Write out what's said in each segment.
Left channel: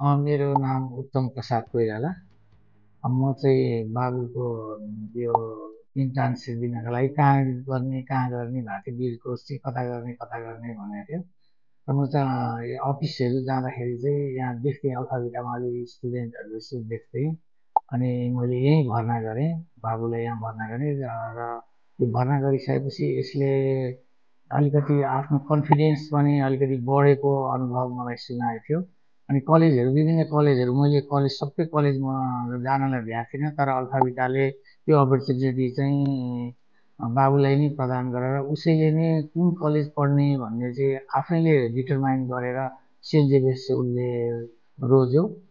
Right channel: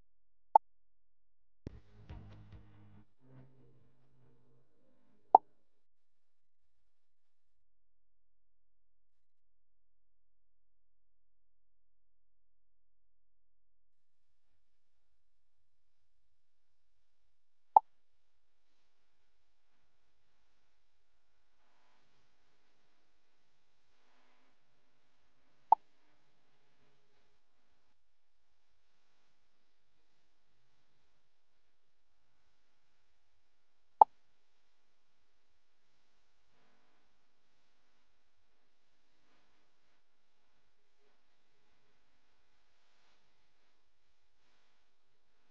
मेरो नाम उत्तम प्रसाद कोइराला। म चाहिँ बाबुको यो इन्ट्रान्स दिनको लागि कहाँ गर्ने भएको थियो, बिरकोस चाहिँ कता गर्ने भनेको थियो। र म चाहिँ अफिसहरू जाँदाखेरि चाहिँ यहाँ देख्थेँ अल्फा बिटामा अलिअलि स्टुडेन्टहरू यसो देख्थेँ। अनि मैले यहीँ भर्ना गरेँ, बाबुलाई यहाँ भर्ना गरेँ र यो भर्ना गरिसकेपछि यसले अलिकति आफ्नो कन्फिडेन्स पनि अलिकति बढेको अनुभव मलाई सुनाएको थियो। अनि कलेजहरू विभिन्न कलेजहरू मैले सबै कलेजमा जानलाई भ्याएको थिइनँ, तर अल्फाबिटाले त्यो अपर्च्युनिटी चाहिँ बाबुलाई नै प्रदान गरेर उसैले नै कुन कलेज पढ्ने भन्ने चाहिँ आफैले डिटरमाइन गरेर सेन्ट जेभियर्स चाहिँ उसले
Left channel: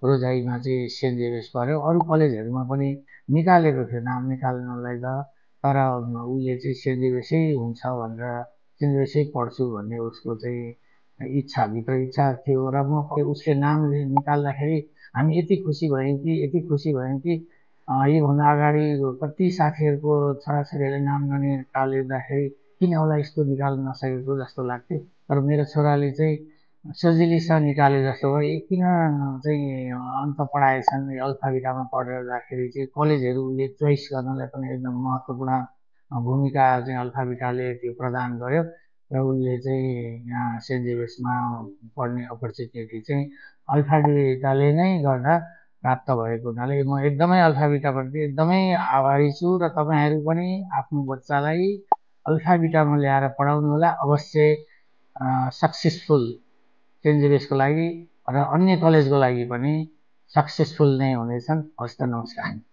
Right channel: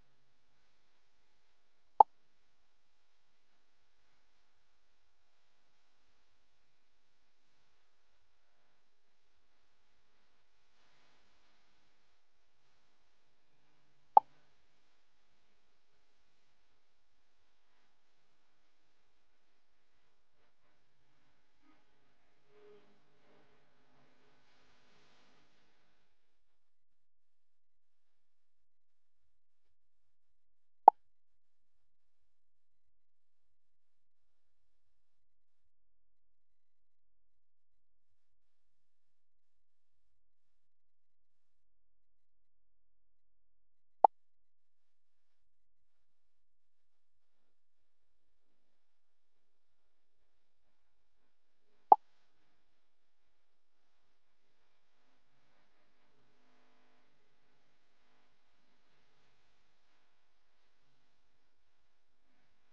रोजाइमा चाहिँ सेन्ट जेभियर्स पढ्यो। अरू कलेजहरूमा पनि निकालेको थियो नाम निकाल्नलाई त, तर उसले चाहिँ सेन्ट जेभियर्सै हुन्छ भनेर सेन्ट जेभियर्सै पढ्छु भन्ने उसको चाहिँ इच्छाभित्र इच्छा थियो। र म उसले नाम निकाल्दाखेरि हामी यति खुसी भयौँ कि योभन्दा अगाडि कति साथीहरूको छोराछोरीहरूले नाम ननिकालिँदाखेरि किन उसलाई यस्तो निकाल्न नसकेको जस्तो लाग्थ्यो। तर मेरो छोराले चाहिँ सजिलैसँग निकाले जस्तो भयो। किन चाहिँ अन्त पढाएछन्, अल्फाबिटामा पढेर जाँदाखेरि चाहिँ कलेजहरू उसले चोइस गर्नलाई पनि एकदम महत्त्वपूर्ण भूमिका चाहिँ अल्फाबिटाले त्यो प्रदान गर्यो। र उसले चाहिँ यहाँ सेन्ट जेभियर्समा पढ्ने अपर्च्युनिटी चाहिँ अल्फाबिटाले नै गर्दा प्राप्त भएको हुनाले म एकदमै अल्फाबिटाप्रति एकदमै आभारी छु। र तपाईँहरू पनि आफ्नो बच्चालाई अल्फाबिटामा ल्याएर पढाउनु होला, अवश्य सक्सेसफुल सेन्ट जेभियर्सको लागि र अन्य कलेजको लागि पनि सक्सेसफुल नै हुनेछन्। हवस् त, नमस्कार।